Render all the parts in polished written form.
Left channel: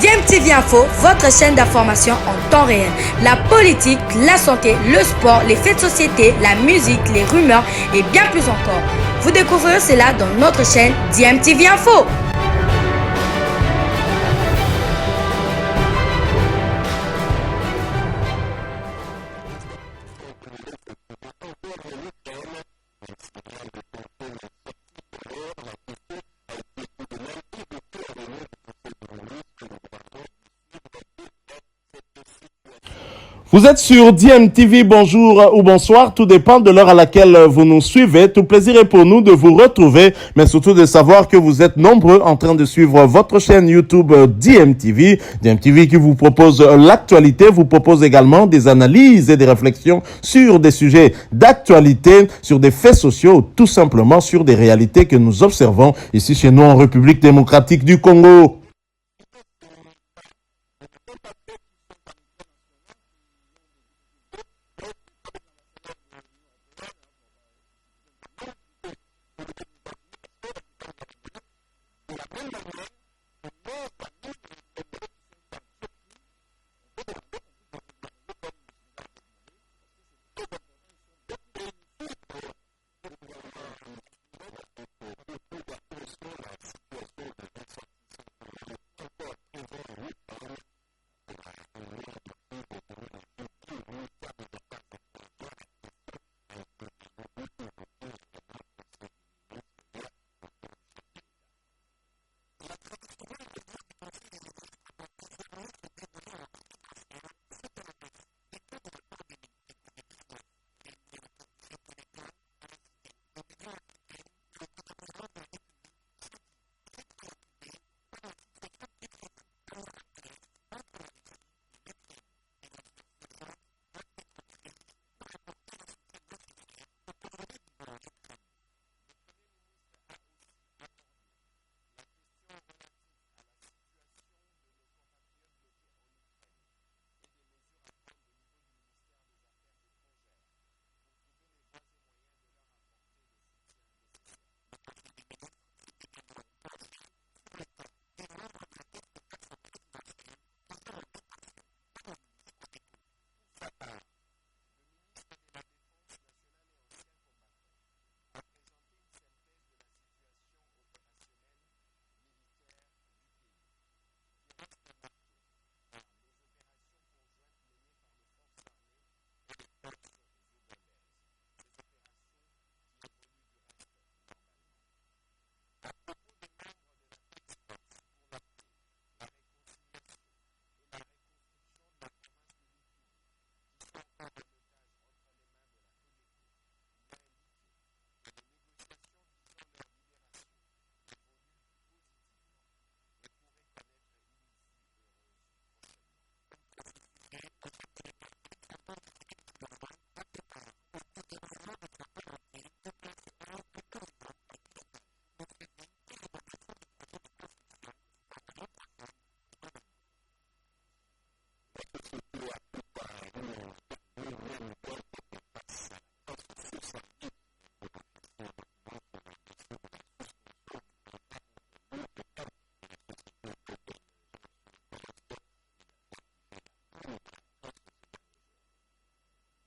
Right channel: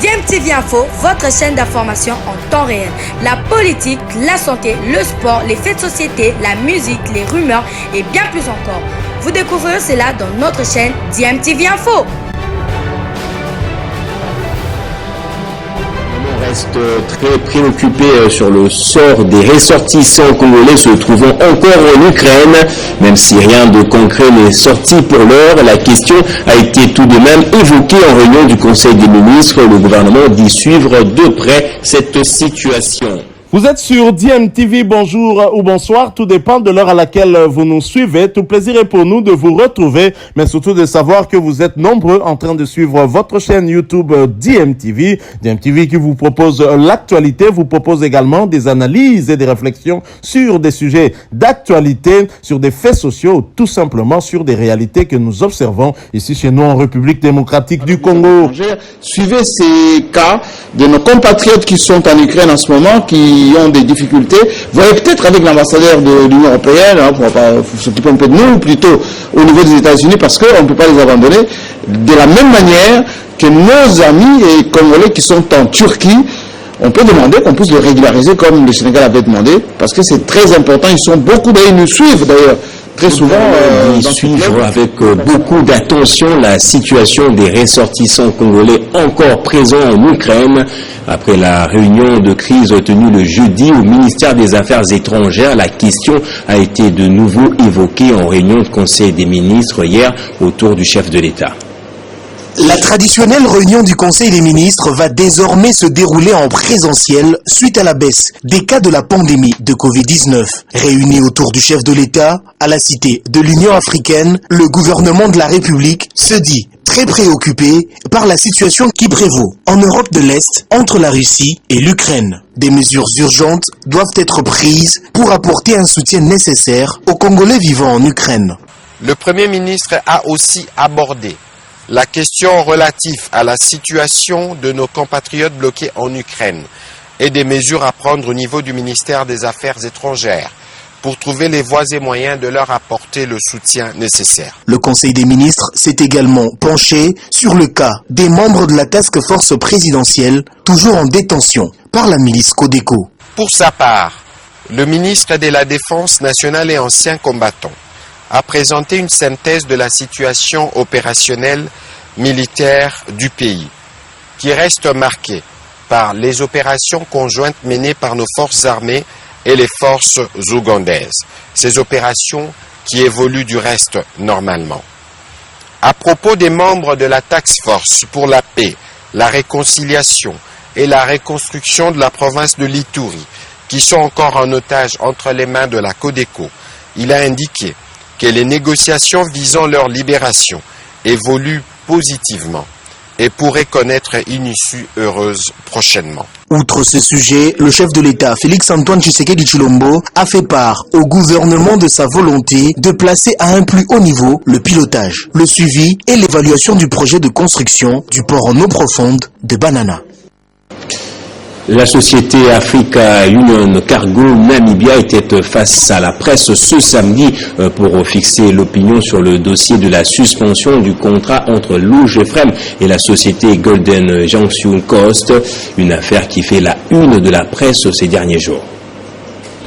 DMTV Info, votre chaîne d'information en temps réel. La politique, la santé, le sport, les faits de société, la musique, les rumeurs et bien plus encore. Vous découvrirez cela dans notre chaîne DMTV Info. Très préoccupé sur le sort des ressortissants congolais se trouvant encore en Ukraine. Même si rien de concret n'est sorti pour l'heure, la question a été tout de même évoquée en réunion du Conseil des ministres. Le gouvernement dit suivre de près cette situation. Vous êtes sur DMTV, bonjour ou bonsoir, tout dépend de l'heure à laquelle vous nous suivez. Tout plaisir est pour nous de vous retrouver, mais surtout de savoir que vous êtes nombreux en train de suivre votre chaîne YouTube DMTV. DMTV qui vous propose l'actualité, vous propose également des analyses et des réflexions sur des sujets d'actualité, sur des faits sociaux, tout simplement sur des réalités que nous observons ici chez nous en République démocratique du Congo. Suivez ces cas de nos compatriotes qui sont en Ukraine en ce moment, qui ont des difficultés. Vous voyez peut-être avec l'ambassadeur de l'Union européenne, pour s'occuper un peu de nous, ou plutôt au niveau des États-Unis, parce qu'on ne peut pas les abandonner. De la même manière que nos amis et Congolais qui sont en Turquie, on peut demander qu'on puisse les régulariser comme le Sénégal avait demandé, parce que c'est très important. Ils sont beaucoup, d'ailleurs, ils nous suivent d'ailleurs. Très souvent, ils suivent avec beaucoup d'attention la situation des ressortissants congolais encore présents en Ukraine. Après la réunion de crise tenue le jeudi au ministère des Affaires étrangères, la question a été de nouveau évoquée en réunion de Conseil des ministres hier autour du chef de l'État. La traditionnelle réunion du Conseil des ministres va désormais se dérouler en présentiel suite à la baisse des cas de la pandémie de Covid-19. Réunis autour du chef de l'État, à la cité de l'Union africaine, le gouvernement de la République se dit très préoccupé par la situation qui prévaut en Europe de l'Est entre la Russie et l'Ukraine. Des mesures urgentes doivent être prises pour apporter un soutien nécessaire aux Congolais vivant en Ukraine. Le Premier ministre a aussi abordé la question relative à la situation de nos compatriotes bloqués en Ukraine et des mesures à prendre au niveau du ministère des Affaires étrangères pour trouver les voies et moyens de leur apporter le soutien nécessaire. Le Conseil des ministres s'est également penché sur le cas des membres de la task force présidentielle toujours en détention par la milice Codeco. Pour sa part, le ministre de la Défense nationale et ancien combattant a présenté une synthèse de la situation opérationnelle militaire du pays, qui reste marquée par les opérations conjointes menées par nos forces armées et les forces ougandaises. Ces opérations qui évoluent du reste normalement. À propos des membres de la Task Force pour la paix, la réconciliation et la reconstruction de la province de l'Ituri, qui sont encore en otage entre les mains de la Codeco, il a indiqué que les négociations visant leur libération évoluent positivement et pourraient connaître une issue heureuse prochainement. Outre ce sujet, le chef de l'État, Félix-Antoine Tshisekedi Tshilombo, a fait part au gouvernement de sa volonté de placer à un plus haut niveau le pilotage, le suivi et l'évaluation du projet de construction du port en eau profonde de Banana. La société Africa Union Cargo Namibia était face à la presse ce samedi pour fixer l'opinion sur le dossier de la suspension du contrat entre l'OGFREM et la société Golden Junction Coast, une affaire qui fait la une de la presse ces derniers jours.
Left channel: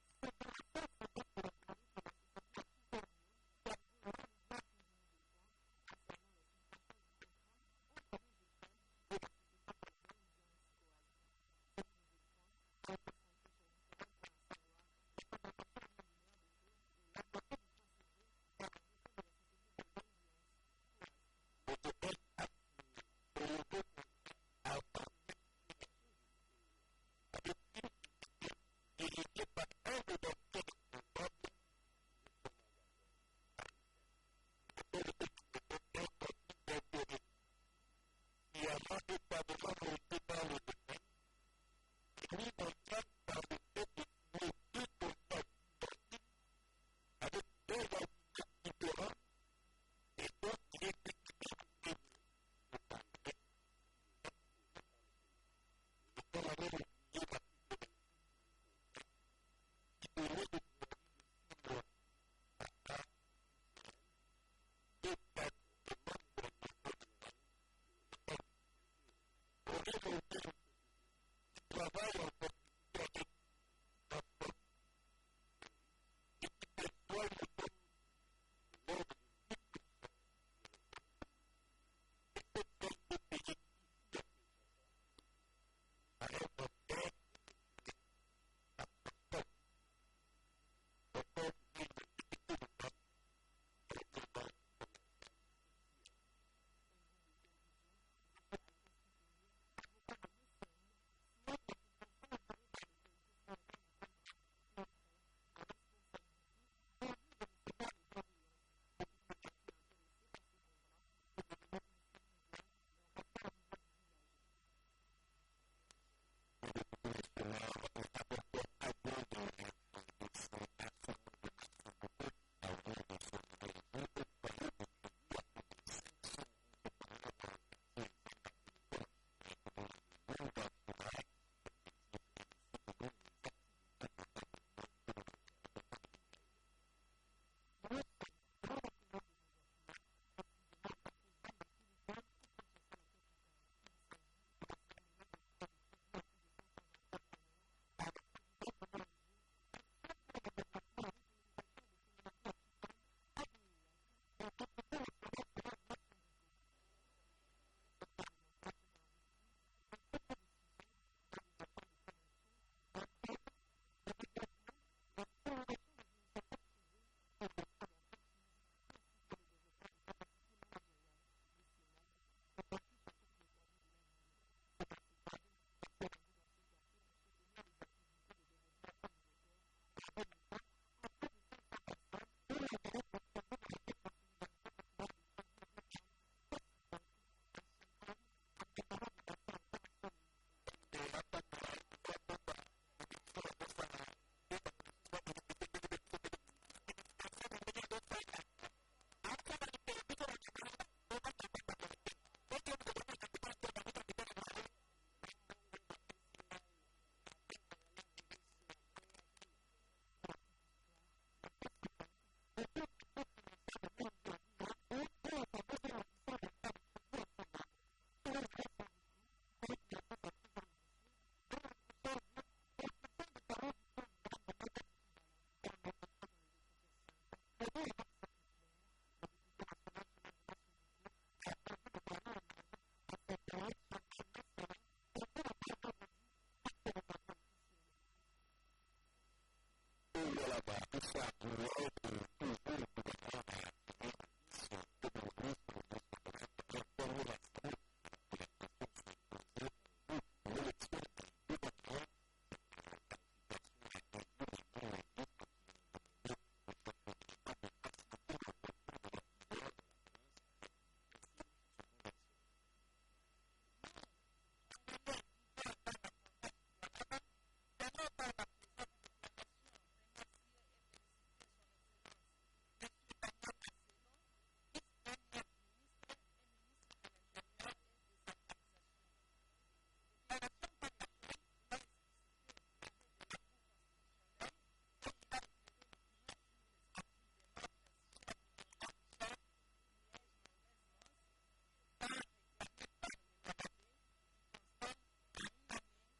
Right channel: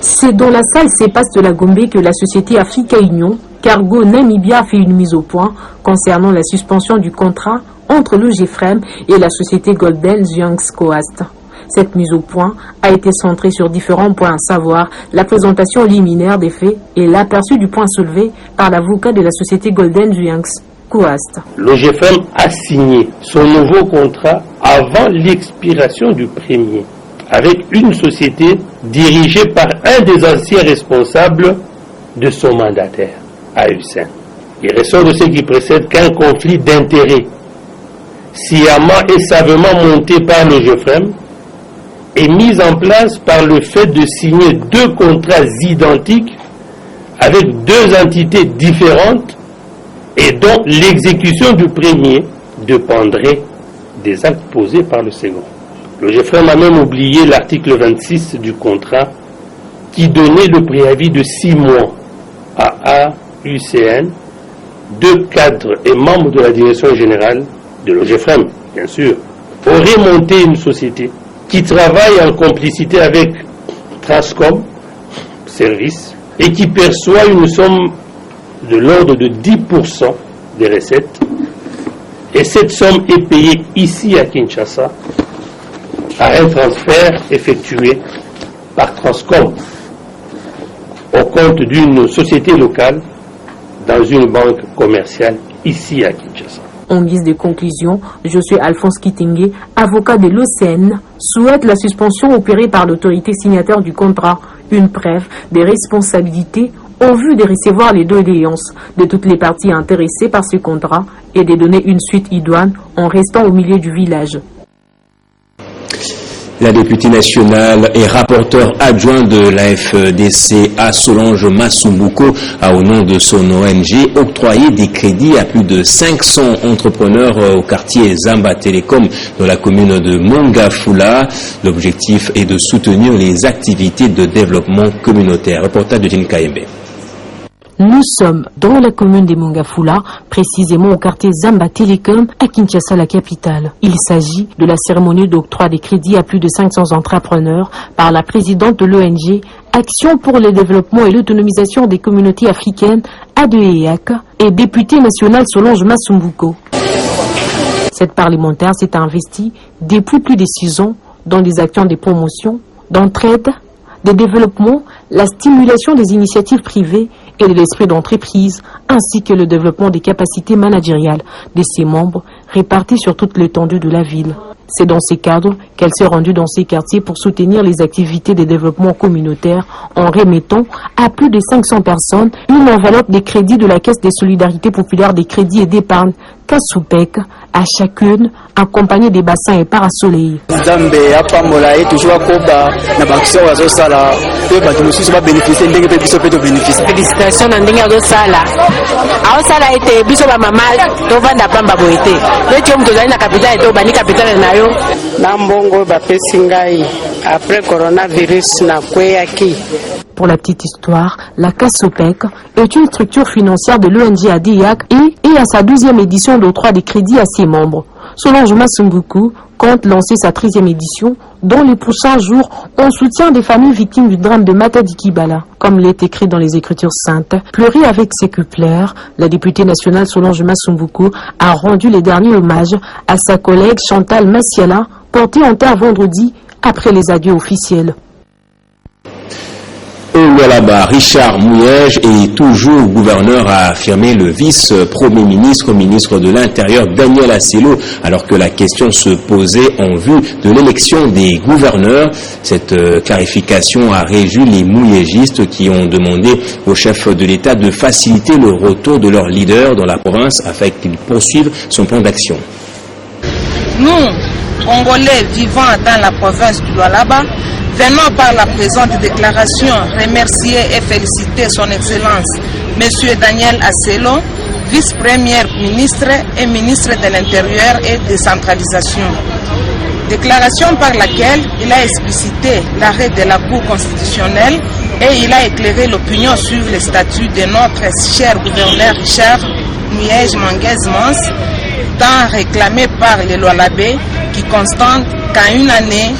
C'est dans la salle CEPAS de la Gombe que la société Africa Union Cargo Namibia a fait une mise au point concernant la suspension du contrat entre l'OGFREM et la société Golden Junction Coast. Cette mise au point a été centrée sur différents points, à savoir la présentation liminaire des faits et l'aperçu du point soulevé par l'avocat de la société Golden Junction Coast. L'OGFM a signé son nouveau contrat avant l'expiration du premier, avec une société dirigée par un des anciens responsables de son mandataire, AUSN. Il ressort de ce qui précède qu'un conflit d'intérêts, sciemment et savamment monté par l'OGFM, est mise en place par le fait de signer deux contrats identiques avec deux entités différentes et dont l'exécution du premier dépendrait des actes posés par le second. Le GFREM a même oublié l'article 26 du contrat qui donnait le préavis de 6 mois à AUCN, deux cadres et membres de la direction générale de l'OGFREM, bien sûr, aurait monté une société qui travaille en complicité avec Transcom Service et qui perçoit une somme de l'ordre de 10% des recettes. Et cette somme est payée ici à Kinshasa à un transfert effectué par Transcom au compte d'une société locale dans une banque commerciale ici à Kinshasa. En guise de conclusion, Josué Alphonse Kitingue, avocat de l'OCN, souhaite la suspension opérée par l'autorité signataire du contrat, une preuve des responsabilités au vu de recevoir les doléances de toutes les parties intéressées par ce contrat et de donner une suite idoine en restant au milieu du village. La députée nationale et rapporteur adjoint de la FDCA Solange Masumbuko a au nom de son ONG octroyé des crédits à plus de 500 entrepreneurs au quartier Zamba Telecom dans la commune de Mongafula. L'objectif est de soutenir les activités de développement communautaire. Reportage de Jean Kaembe. Nous sommes dans la commune de Mongafula, précisément au quartier Zamba Telecom, à Kinshasa, la capitale. Il s'agit de la cérémonie d'octroi des crédits à plus de 500 entrepreneurs par la présidente de l'ONG Action pour le développement et l'autonomisation des communautés africaines, ADEAC, et députée nationale Solange Masumbuko. Cette parlementaire s'est investie depuis plus de 6 ans dans des actions de promotion, d'entraide, de développement, la stimulation des initiatives privées et de l'esprit d'entreprise, ainsi que le développement des capacités managériales de ses membres répartis sur toute l'étendue de la ville. C'est dans ces cadres qu'elle s'est rendue dans ces quartiers pour soutenir les activités de développement communautaire en remettant à plus de 500 personnes une enveloppe des crédits de la Caisse des solidarités populaires des crédits et d'épargne Kassoupek, à chacune accompagnée des bassins et parasoleils. Félicitations à Ndinga Dosala. Aosala était biso ba mama tovanda pamba boité. Le tiom tozali na capitale to bani capitale nayo. Na mbongo ba pesingai après coronavirus na kweyaki. Pour la petite histoire, la Kassoupek est une structure financière de l'ONG ADIAC et à sa 12e édition d'octroi des crédits à ses membres. Solange Masumbuko compte lancer sa 13e édition dans les prochains jours en soutien des familles victimes du drame de Matadi Kibala. Comme il est écrit dans les Écritures saintes, pleurer avec ses coupleurs, la députée nationale Solange Masumbuko a rendu les derniers hommages à sa collègue Chantal Massiala, portée en terre vendredi après les adieux officiels. Au Lualaba, Richard Mouyej est toujours gouverneur, a affirmé le vice-premier ministre, ministre de l'Intérieur Daniel Asselo, alors que la question se posait en vue de l'élection des gouverneurs. Cette clarification a réjoui les Mouyégistes qui ont demandé au chef de l'État de faciliter le retour de leur leader dans la province afin qu'il poursuive son plan d'action. Nous, Congolais vivant dans la province du Lualaba, venons par la présente déclaration remercier et féliciter son Excellence M. Daniel Asselo, vice-premier ministre et ministre de l'Intérieur et décentralisation. Déclaration par laquelle il a explicité l'arrêt de la Cour constitutionnelle et il a éclairé l'opinion sur le statut de notre cher gouverneur Richard Mouyej Manguez-Mons, tant réclamé par les Lualabais qui constatent qu'en une année,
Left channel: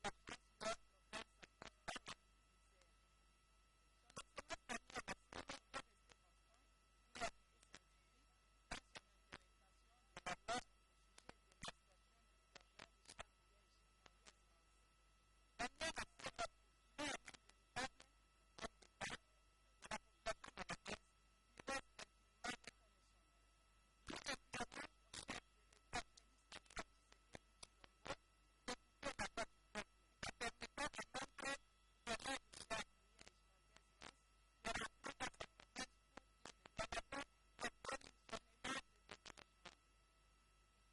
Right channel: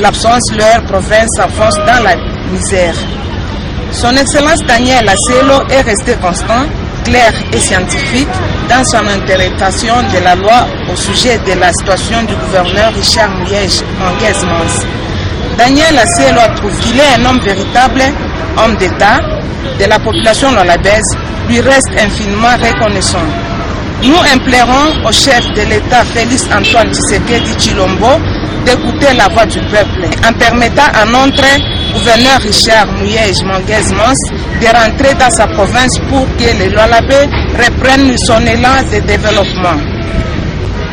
l'absence de leur province s'enfonce dans la misère. Son Excellence Daniel Asselo est resté constant, clair et scientifique dans son interprétation de la loi au sujet de la situation du gouverneur Richard Mouyej Manguez-Mons. Daniel Asselo trouve qu'il est un homme véritable, homme d'État, de la population lualabaise, lui reste infiniment reconnaissant. Nous implorons au chef de l'État Félix Antoine Tshisekedi Tshilombo d'écouter la voix du peuple en permettant à notre gouverneur Richard Mouyej Manguez-Mons de rentrer dans sa province pour que les Lualabais reprennent son élan de développement.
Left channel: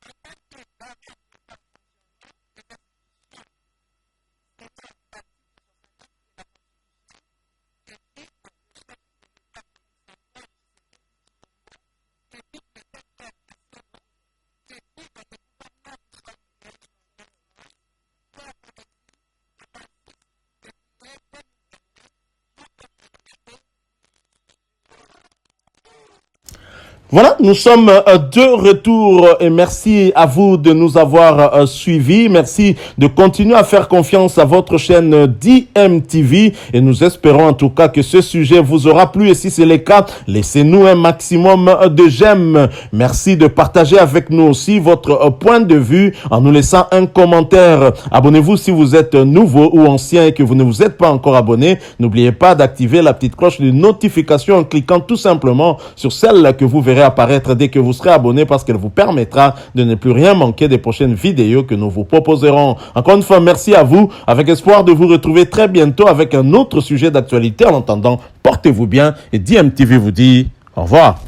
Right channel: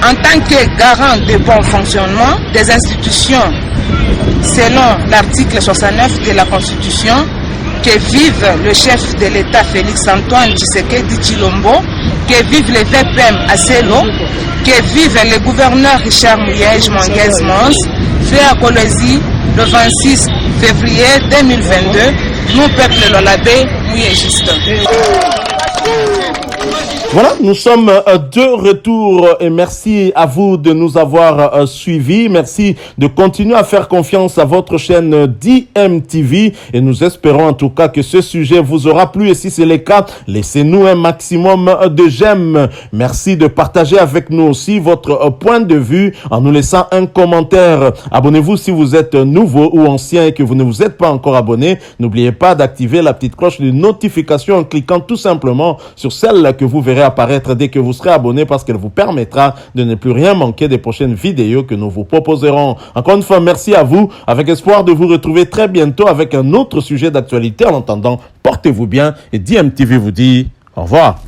En tant que garant de bon fonctionnement des institutions, selon l'article 69 de la Constitution, que vive le chef de l'État Félix Antoine Tshisekedi Tshilombo, que vive le VPM Asselo, que vive le gouverneur Richard Mouyej Manguez-Mons, fait à Kolwezi le 26 février 2022, nous, peuple lualabais, mouyégistes. Voilà, nous sommes de retour et merci à vous de nous avoir suivis. Merci de continuer à faire confiance à votre chaîne DMTV et nous espérons en tout cas que ce sujet vous aura plu et si c'est le cas, laissez-nous un maximum de j'aime. Merci de partager avec nous aussi votre point de vue en nous laissant un commentaire. Abonnez-vous si vous êtes nouveau ou ancien et que vous ne vous êtes pas encore abonné. N'oubliez pas d'activer la petite cloche de notification en cliquant tout simplement sur celle que vous verrez apparaître dès que vous serez abonné parce qu'elle vous permettra de ne plus rien manquer des prochaines vidéos que nous vous proposerons. Encore une fois, merci à vous, avec espoir de vous retrouver très bientôt avec un autre sujet d'actualité. En attendant, portez-vous bien et DMTV vous dit au revoir.